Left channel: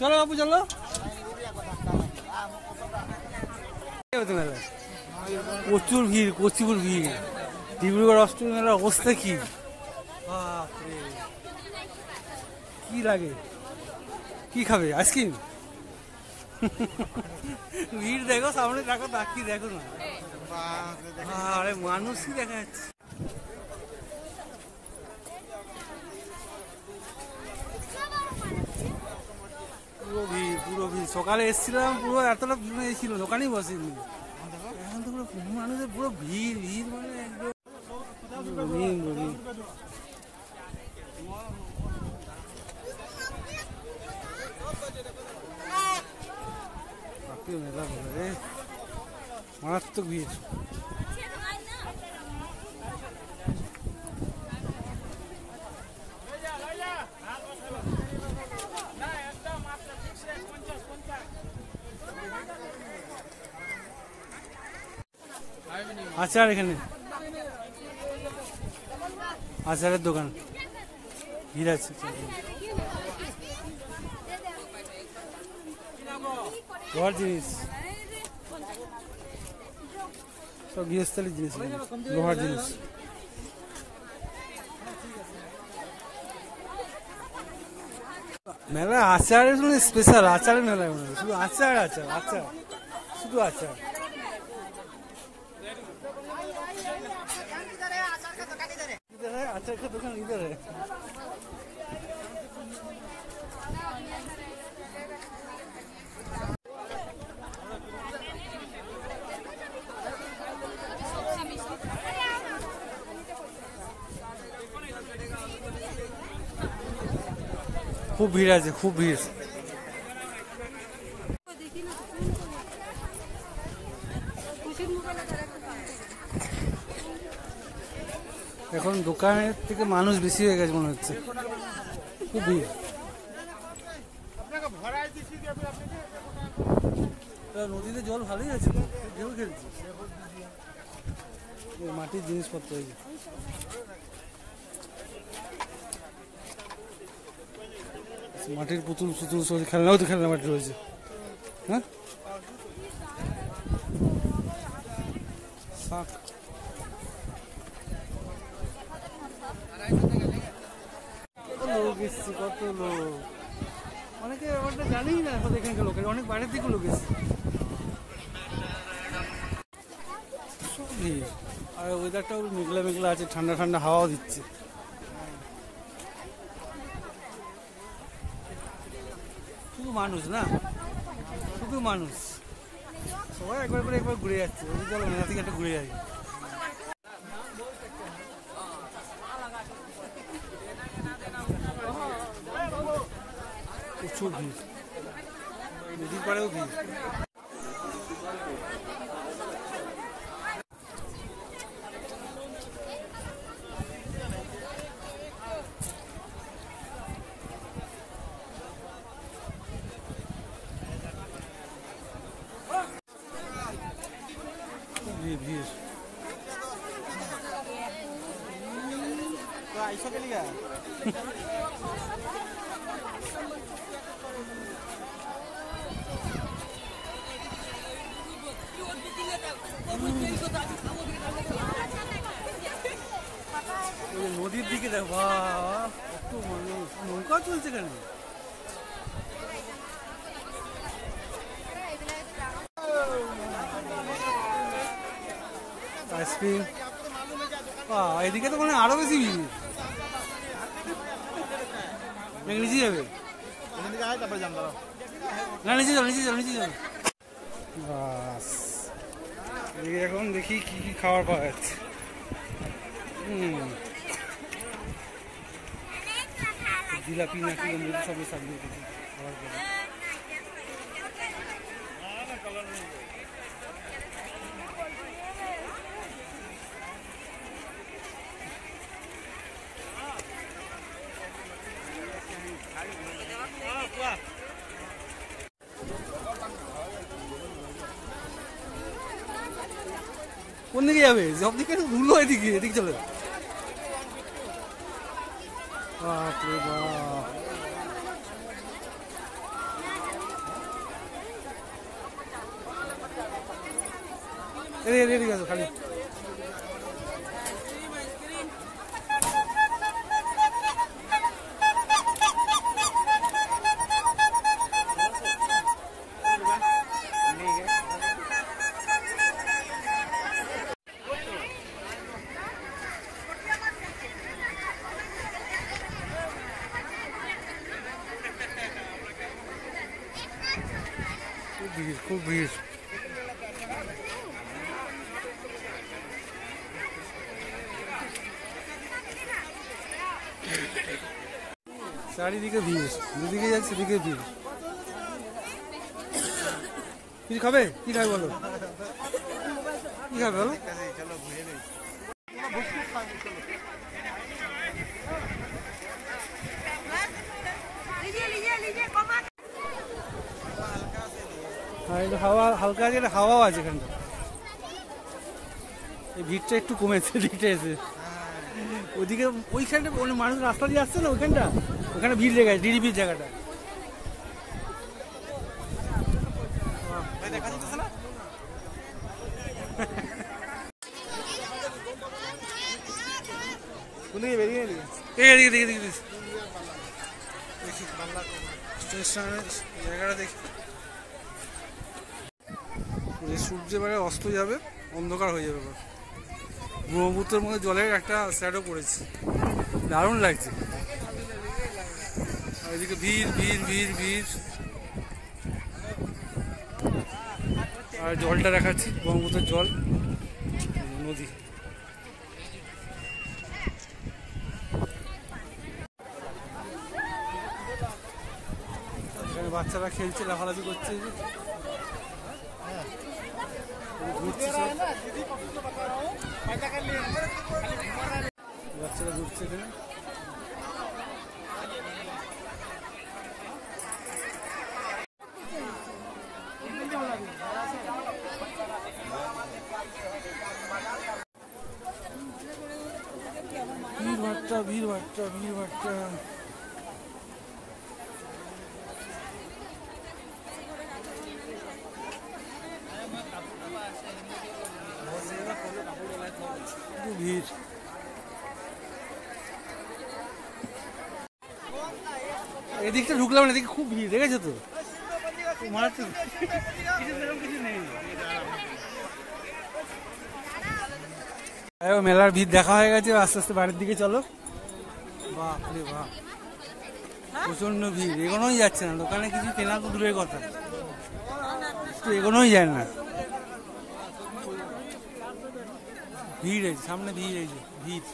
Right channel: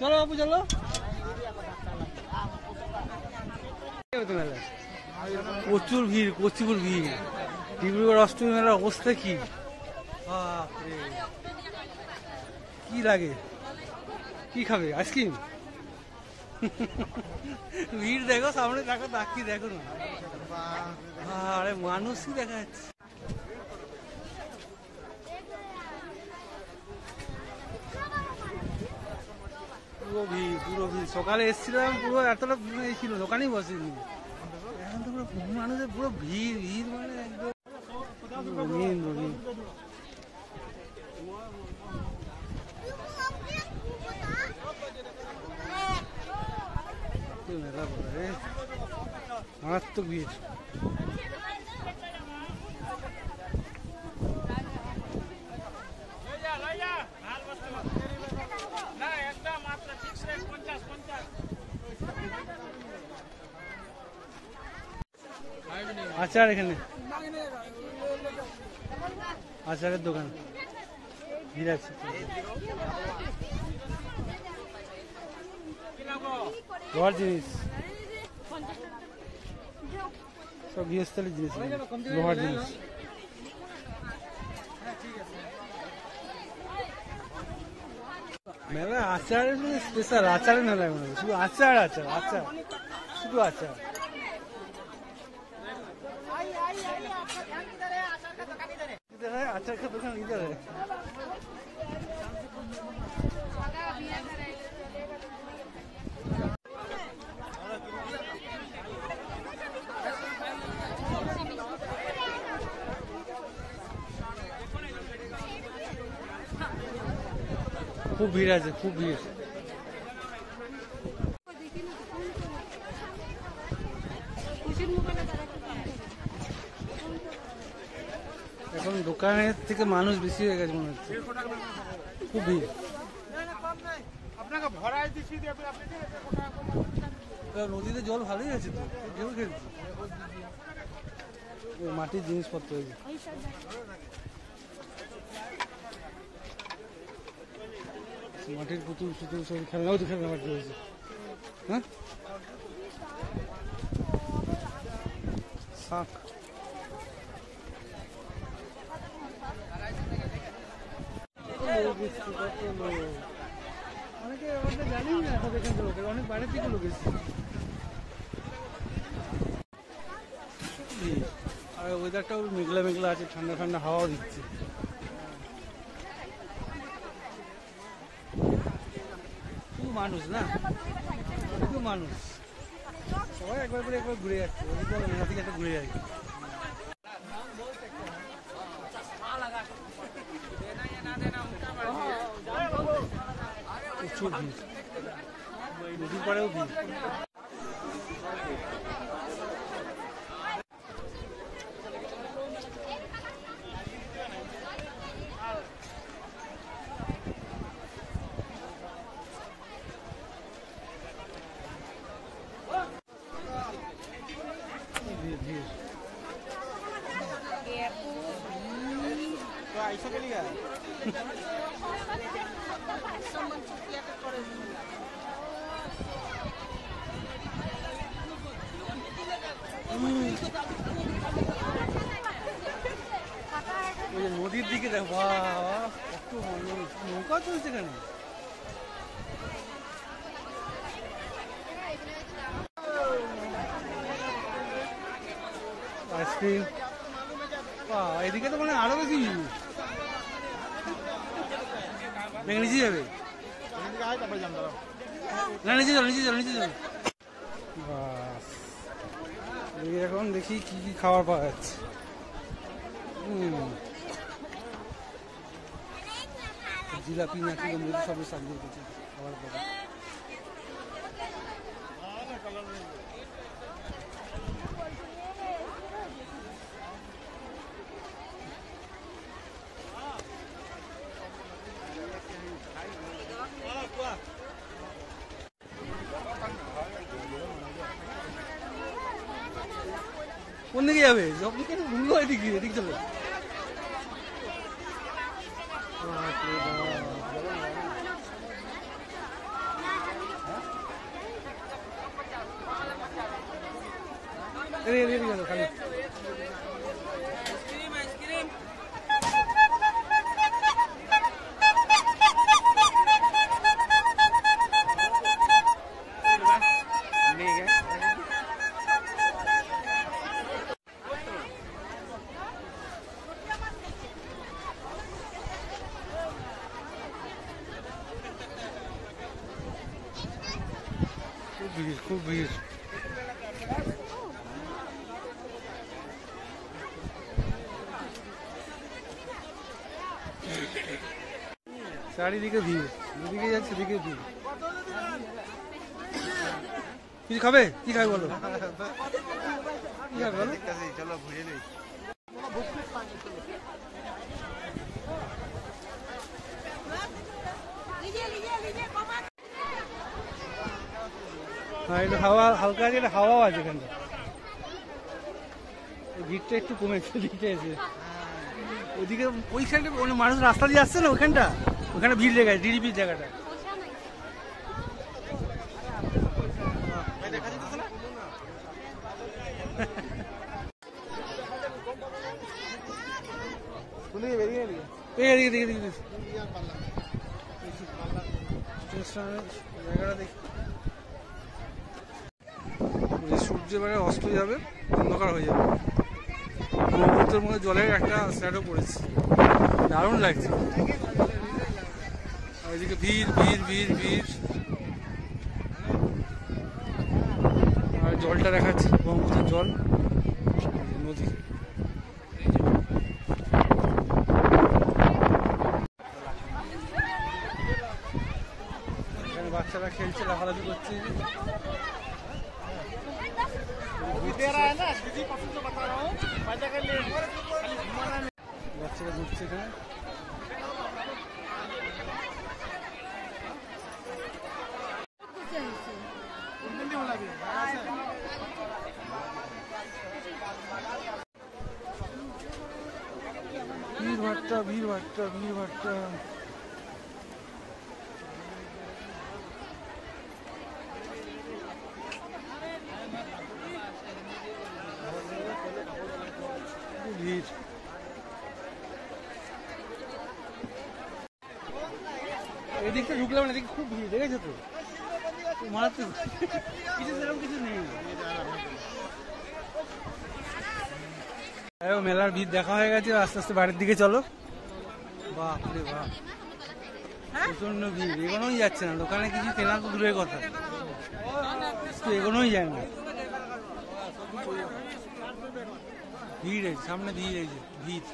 চলো বাবু চলো। প্রচুর ভিড়, প্রচুর ভিড়। ডিব্রুগড় অষ্টমী মেলার অবস্থা কি, বাপরে কি লাগে। কি খাবে, আইসক্রিম? ভিড় দেখো, সামনে দেখো, তাকিয়ে দেখো না, আরে মানুষই দেখা যাচ্ছে। পুরো ভিড়, পুরো ভিড়। সকালে এসেছিলাম, পুরো এতটা ছিল, দোকানেই বসেনি। এখন তো পুরো মানুষের পুরো ভিড়, ভিড় মানে একদম রঙিন রঙিন। মেলা বলে মারাত্মক ভিড়। আচার, এখানে আচারের দোকান, ভিড় আছে। লোহার জিনিস, সব গৃহস্থলীর জিনিস, লোহার জিনিস। মেলা আচারের স্পেশাল, আচারের মেলা শুধু আচার, আচার, আচার, শুধু আচার। আচার का दुकान इधर है। खूब भीड़ है, खूब भीड़। এখন দোকানের থেকে মানুষ বেশি হয়ে গেছে মনে হচ্ছে, খুব ভিড়। নদীতে জল ভালোই আছে তো, ঢেউ খেলছে। মাটির জিনিসপত্র হয়েছে, মাটির পুতুল সুতুল, খেলনাও তো খেলনা মাটি রয়েছে। হ্যাঁ, শাক, লোক এসছে, কত লোক। অনেকে আমরা জানি না, এখানকার লোকের অনেক বাইরের দিকে লোক এসছে। আর ওয়েদারটাও মেঘলা মেঘলা আছে, ঠান্ডা ঠান্ডা হাওয়াও দিচ্ছে। শুধু মানুষ না, শুধু মানুষ, সবাই একবার করে একবার ঘুরে যাচ্ছে। চলো মেলা থেকে একটা ঘুরে যাই। প্রচুর ভিড়, নদীর পাড়েও ভিড়। নদীর দিকে দেখো, কত মানুষ, নৌকা চলছে এখানে। আইসক্রিম, এদিকে তো মানে আরো বেশি ভিড়। নিচে যাবে না, নিচে চলো, নিচে চলো, নিচে চলো। বাস, এখন দেখি কি কি খাবার পাওয়া যাচ্ছে। জিলাপি নাকি আমরা সবই সাজিয়ে দেখি খাবার পাবো। কোন দিকে যাবে? সব দিকে ভুলো, এদিকে, এদিকে চলে। বাপরে বাপ, এদিকে যাবো খালি। খুব ভিড়, খুব ভিড়। চারিদিকে ভিড়, যেদিকে যাচ্ছে সেদিকে ভিড়। কি খাবে, কি খাবে বলো, কি খাবে বলো? চলো ঘুরে নিই। হ্যাঁ, একটু হাওয়া হালকা আছে, একটা হাওয়াও আছে এখানটা। এই ভিড়টা একটু কমেছে দিকটা এসে। ওইদিকে ওইখানটা মানুষ রাস্তা দিয়ে আসছে না, ওইখানটা ওখানে ভিড় লেগে আছে, নিরিবিড় জায়গাটা। জায়গাটা দেখি, সূর্য এবারে অস্ত যাবে, অন্ধকার হয়ে যাবে। ব্রহ্মপুত্রের মধ্যে জলের একটা স্যাডও পড়েছে, দারুণ লাগছে। আর ওইদিকে ভিড় ভিড় ভিড় ভিড়। আর জলটা দেখাচ্ছি, ব্রহ্মপুত্রের জল, নদী। এখানে বাচ্চারা খেলছে, লাফালাফি করছে, বাচ্চারা ঘুরছে এখানে। ভিড় ভাট্টা, ভিড় ভাট্টা, ভিড় ভাট্টা। ভিড়। এদিকটা ঢুকলাম না, এদিকে খুব ভিড়, দেখেছো তো? মারাত্মক, কিছু সেরকম কিছু নেই। মেলার ভিড় দেখা হয়ে গেছে, আস্তে আস্তে বাড়ির দিকে চলো। বাপ রে বাপ, প্রচন্ড ভিড়, এগোনোই যাচ্ছে না। দোকানে কিছু কেনা তো দূরের কথা, এগোনোই যায় না। ভিড়, সামনে ভিড়, এই যে ভিড়।